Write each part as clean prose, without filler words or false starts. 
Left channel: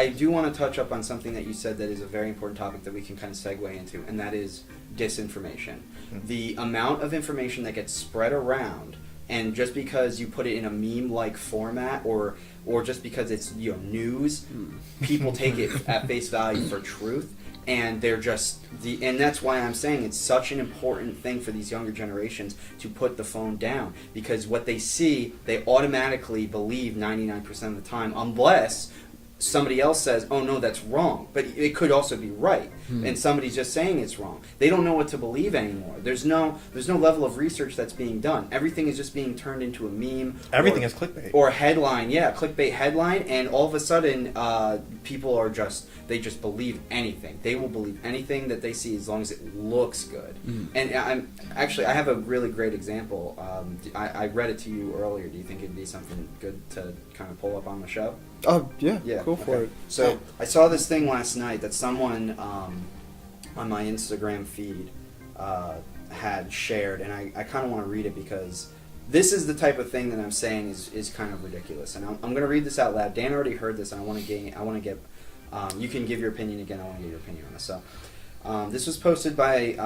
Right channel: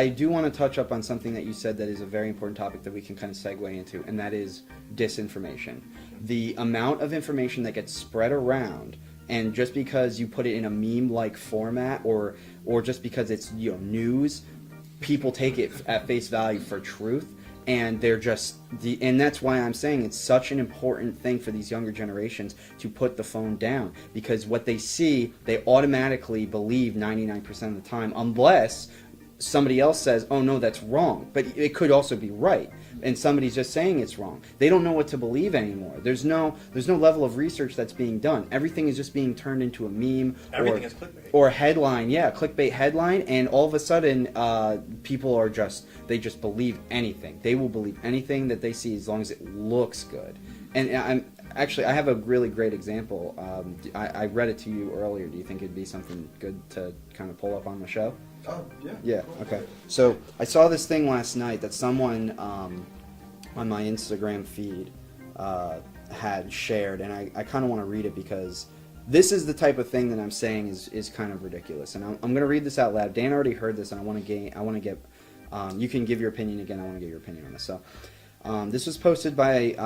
I do want to touch up on something that you said that is a very important topic that we can kind of segue into, and that is disinformation. The amount of information that gets spread around, and just because you put it in a meme-like format, or just because it's news, people take it at face value for truth, and they're just and that's why I'm saying it's such an important thing for these younger generations to put the phone down, because what they see, they automatically believe 99% of the time, unless somebody else says, oh no, that's wrong, but it could also be right, and somebody's just saying it's wrong. They don't know what to believe anymore. There's no level of research that's being done. Everything is just being turned into a meme. Everything is clickbait. Or a headline, clickbait headline, and all of a sudden, people are they just believe anything. They will believe anything that they see as long as it looks good. And I have a really great example. I read it to you earlier. Do you think it'd be something good to kind of pull up on the show? Yeah, go for it. So I saw this thing last night that someone on my Instagram feed had shared, and I kind of want to read it because this is the type of thing that I'm saying is kind of ridiculous. And I'm going to read this out loud. Dan already heard this, and I want to get. You can give your opinion again. I want to get your opinion on this. So this was posted by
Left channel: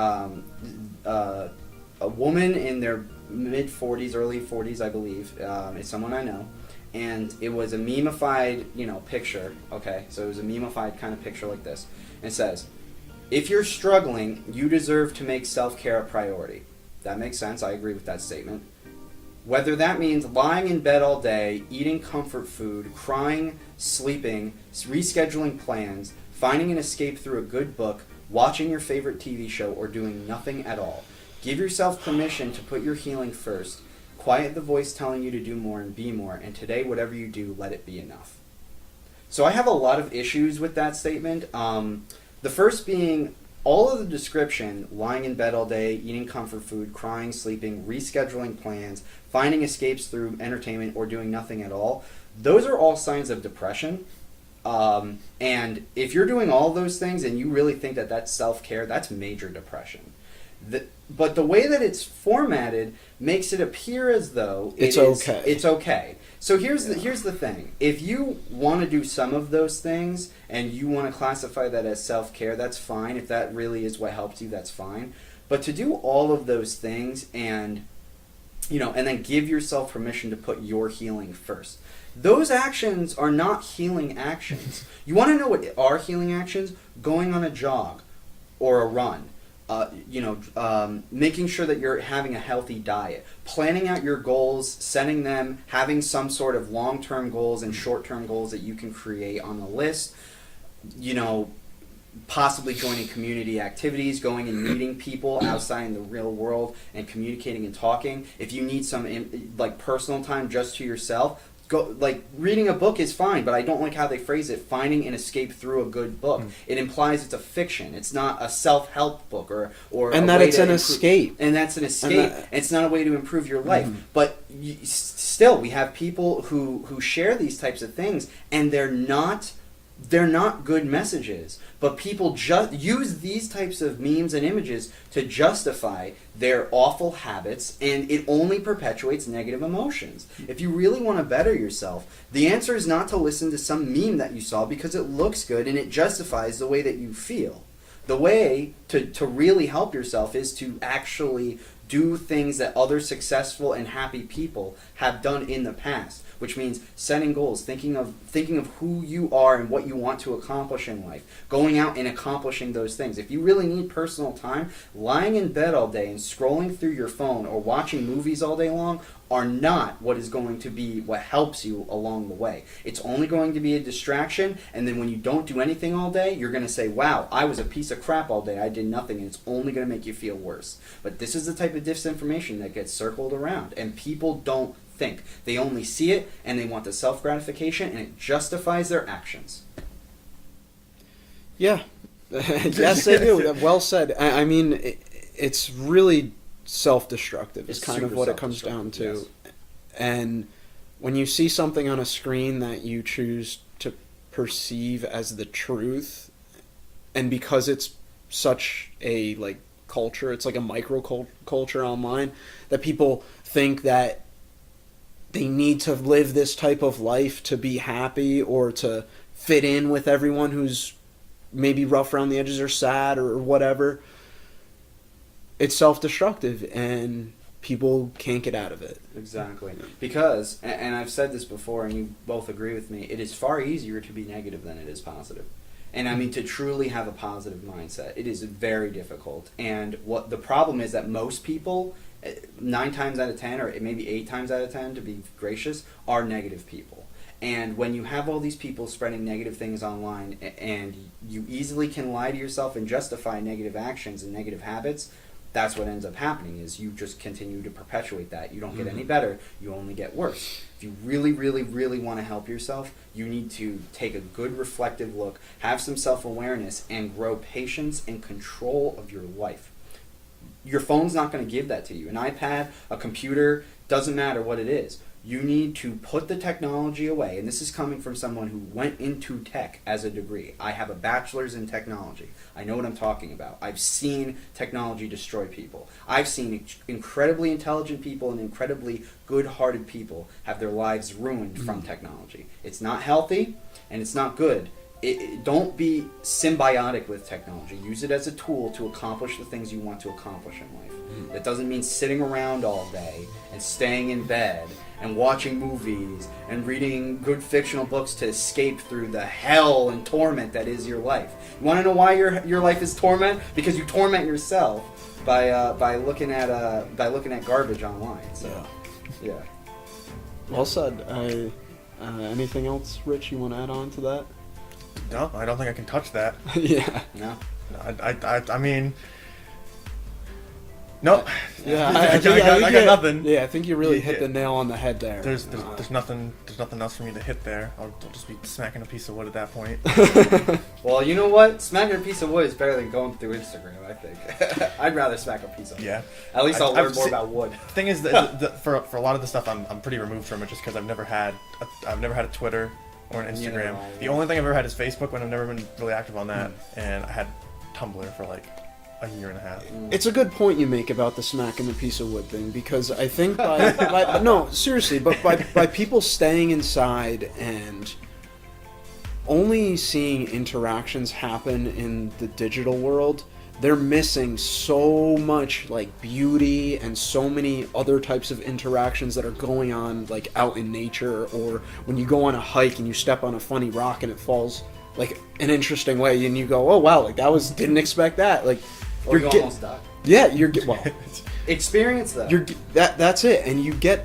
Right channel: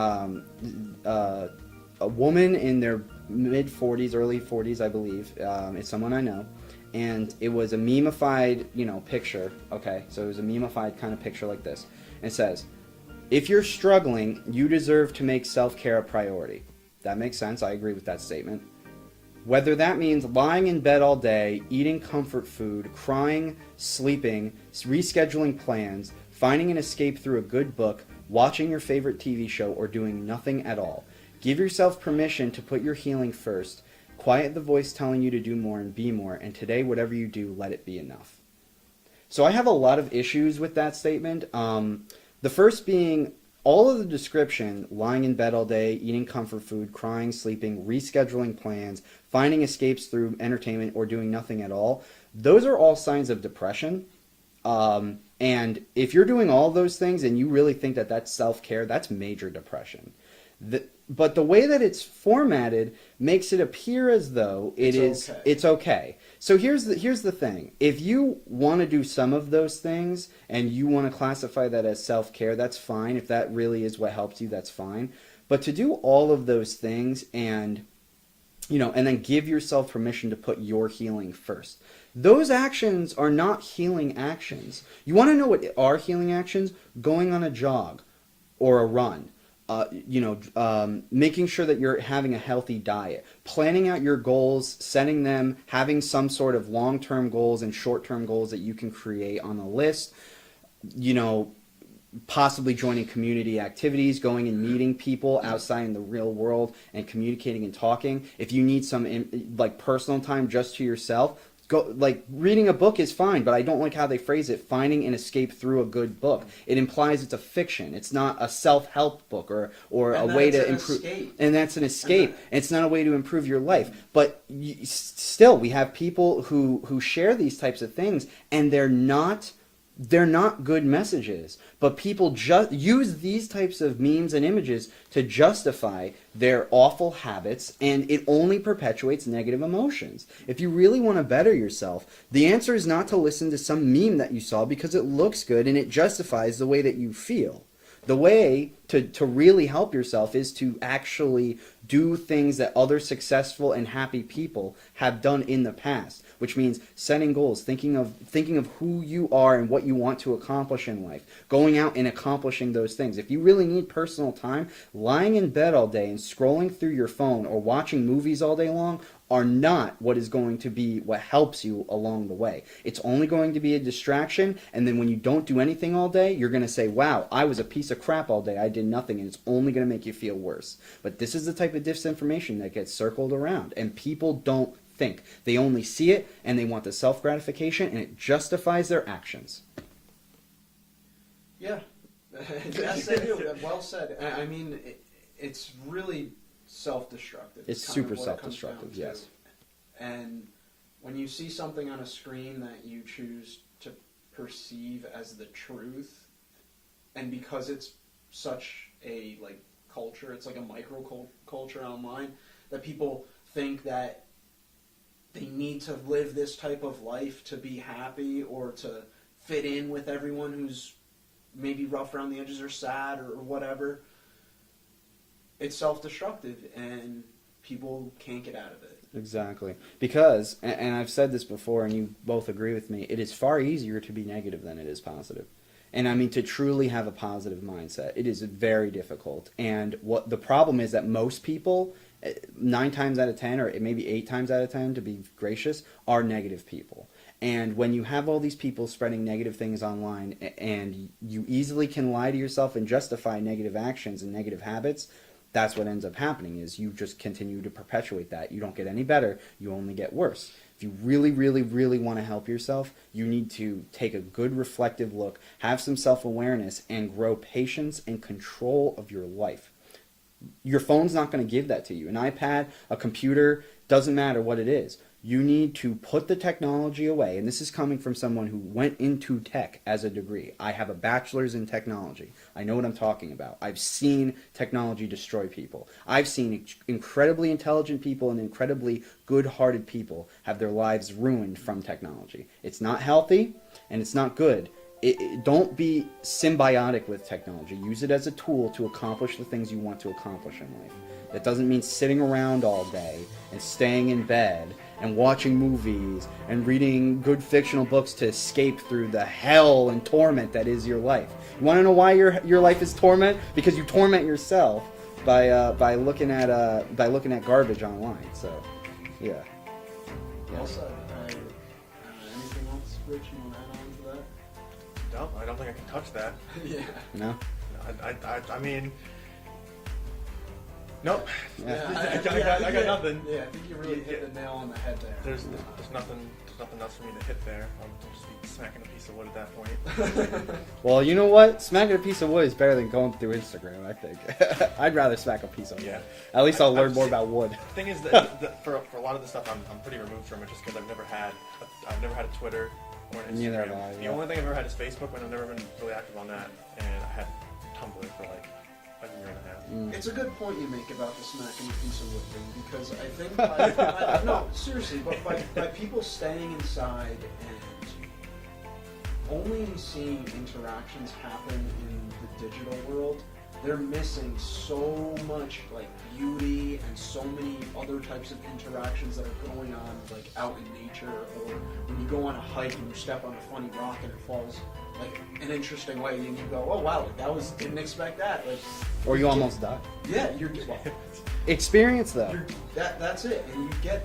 a woman in their mid 40s, early 40s, I believe. It's someone I know. And it was a meme-ified, picture, okay? So it was a meme-ified kind of picture like this. And it says, if you're struggling, you deserve to make self-care a priority. That makes sense. I agree with that statement. Whether that means lying in bed all day, eating comfort food, crying, sleeping, rescheduling plans, finding an escape through a good book, watching your favorite TV show, or doing nothing at all. Give yourself permission to put your healing first. Quiet the voice telling you to do more and be more, and today, whatever you do, let it be enough. So I have a lot of issues with that statement. The first being all of the description, lying in bed all day, eating comfort food, crying, sleeping, rescheduling plans, finding escapes through entertainment, or doing nothing at all, those are all signs of depression. And if you're doing all those things and you really think that that's self-care, that's major depression. But the way that it's formatted makes it appear as though it's okay. So here's the thing. If you want to do some of those things and you want to classify that as self-care, that's fine. If that really is what helps you, that's fine. But to do all of those things and then give yourself permission to put your healing first. Those actions are not healing actions. You want to know what are healing actions? Going on a jog or a run. Making sure that you're having a healthy diet, planning out your goals, setting them, having some sort of long-term goals and short-term goals that you can create on the list, possibly joining community activities, going and meeting people outside in the real world and communicating and talking. If you need some personal time just to yourself, reading a book is fine, but I don't like how they phrase it, finding an escape through a good book. It implies it's a fiction. It's not a self-help book or and that it's an escape. And that's an escape. And it's not a way to improve your life. But still, we have people who share these types of things, and they're not good messages. But people just use these types of memes and images to justify their awful habits, and it only perpetuates negative emotions. If you really want to better yourself, the answer is not to listen to some meme that you saw because it looks good and it justifies the way that you feel. The way to really help yourself is to actually do things that other successful and happy people have done in the past, which means setting goals, thinking of who you are and what you want to accomplish in life, going out and accomplishing those things. If you really need personal time, lying in bed all day and scrolling through your phone or watching movies all day long are not what is going to be what helps you along the way. It's only going to be a distraction, and then when you don't do anything all day, you're going to say, wow, I was a piece of crap all day, I did nothing, and it's only going to make you feel worse. But this is the type of disinformation that gets circled around, and people don't think. They only see it, and they want the self-gratification, and it justifies their actions. Yeah. Yes, they do. Well said. I mean, it's really self-destructive is kind of what it comes down to. Yes. And when you see something on a screen that you choose to perceive as the truth, and because it's such a culture, it's like a micro culture online, that people think that they need to live this type of life to be happy or to fit in with everyone who's maybe rough around the edges or sad or whatever, it's self-destructive and people can't get out of it. Exactly. Because, and I've said this before and you both agree with me, it is far easier to be negative than it is positive. And I mean, to truly have a positive mindset, it is very difficult. And what the problem is that most people, 9 times out of 10, or maybe 8 times out of 10, to be gracious, are negative people. And when you have all these people spreading negative things online, and you easily can lie to yourself and justify negative actions and negative habits, that's what ends up happening, is you just continue to perpetuate that. You don't get any better, you only get worse. If you really, really, really want to help yourself, you need to take a good reflective look, have some self-awareness, and grow patience and control of your life. Your phone's not going to give that to you. An iPad, a computer, doesn't matter what it is. You need to put the technology away, and this is coming from someone who went into tech as a degree. I have a bachelor's in technology. I know what I'm talking about. I've seen technology destroy people. I've seen incredibly intelligent people and incredibly good-hearted people have their lives ruined from technology. It's not healthy, and it's not good. Don't be symbiotic with technology. Use it as a tool to accomplish the things you want to accomplish in life. That doesn't mean sitting around all day and staying in bed and watching movies and reading good fictional books to escape through the hell and torment that is your life. You want to know why your life is torment? Because you torment yourself by looking at garbage online. So, yeah. Well said. Anything else, Rich, you want to add on to that? No, I don't think I can touch that. Yeah. No. I mean, nope. Yeah, I got nothing. Yeah, I think you really hit the nail on the head there. There's nothing else for me to hit there. I'll just be smacking a piece of wood at that point. Well, you know what? Smacking a piece of wood is better than going through Instagram, I think. I'd rather smack a piece of wood. Yeah. At least I'll learn more about wood. The thing is that for a lot of the stuff, I'm pretty removed from it just because I've never had a Twitter or an Instagram. The only thing I've ever had is Facebook, when I've never been really active on that, and I had Tumblr for like a year and a half. It's a good point you make about the smacking the piece of wood thing, because I think no, seriously, but by people staying inside and only seeing interactions happen in the digital world, they're missing so much like beauty and so many other types of interactions that are going on like out in nature, or when you go on a hike and you step on a funny rock and it falls like an interesting way and you go, oh wow, like didn't expect that, like, or you almost died. Yeah, experience that. That's it, and you get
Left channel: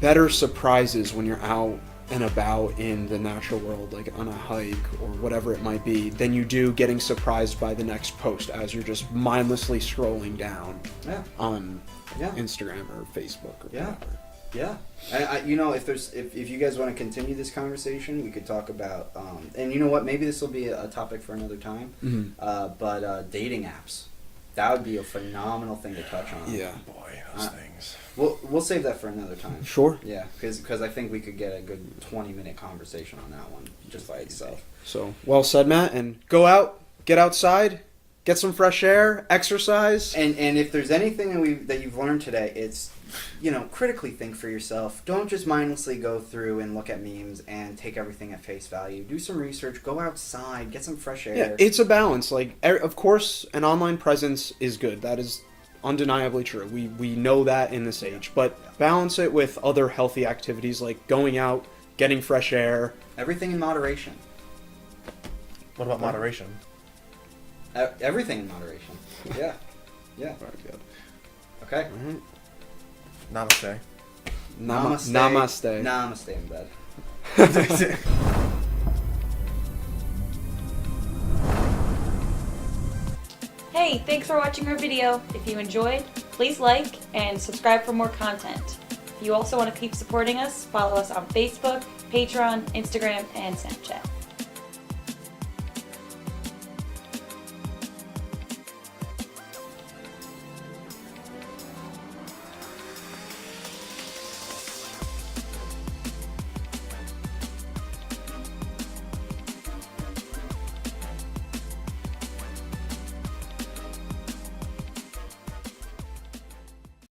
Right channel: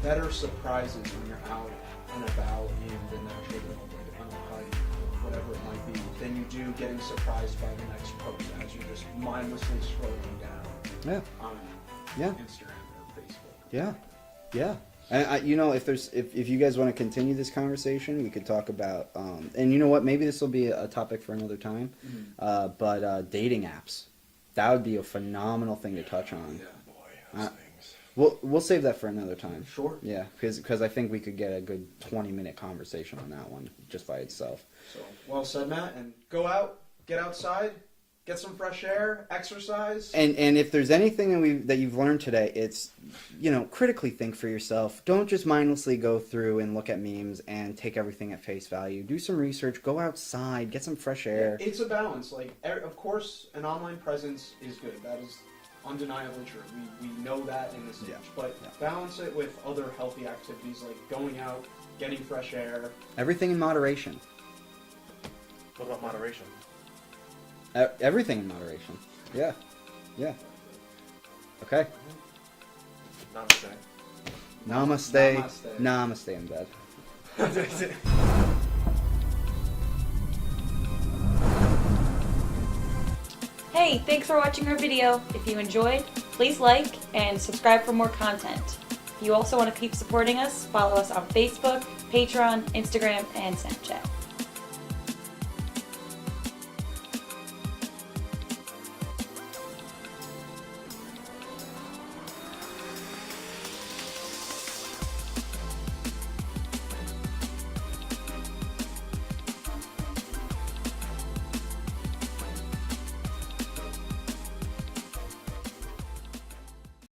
better surprises when you're out and about in the natural world, like on a hike or whatever it might be, than you do getting surprised by the next post as you're just mindlessly scrolling down on Instagram or Facebook or whatever. Yeah, and if you guys want to continue this conversation, we could talk about, and you know what, maybe this will be a topic for another time. But dating apps, that would be a phenomenal thing to touch on. Yeah, boy, those things. We'll save that for another time. Sure. Yeah, because I think we could get a good 20-minute conversation on that one just by itself. So well said, Matt. And go out, get outside, get some fresh air, exercise. And if there's anything that you've learned today, it's, critically think for yourself. Don't just mindlessly go through and look at memes and take everything at face value. Do some research. Go outside. Get some fresh air. Yeah, it's a balance. Like, of course, an online presence is good. That is undeniably true. We know that in this age. But balance it with other healthy activities like going out, getting fresh air. Everything in moderation. What about moderation? Everything in moderation. Yeah. Yeah. Very good. Okay. Namaste. Namaste. Namaste. Namaste in bed. Hey, thanks for watching our video. If you enjoyed, please like and subscribe for more content. If you also want to keep supporting us, follow us on Facebook, Patreon, Instagram, and Snapchat.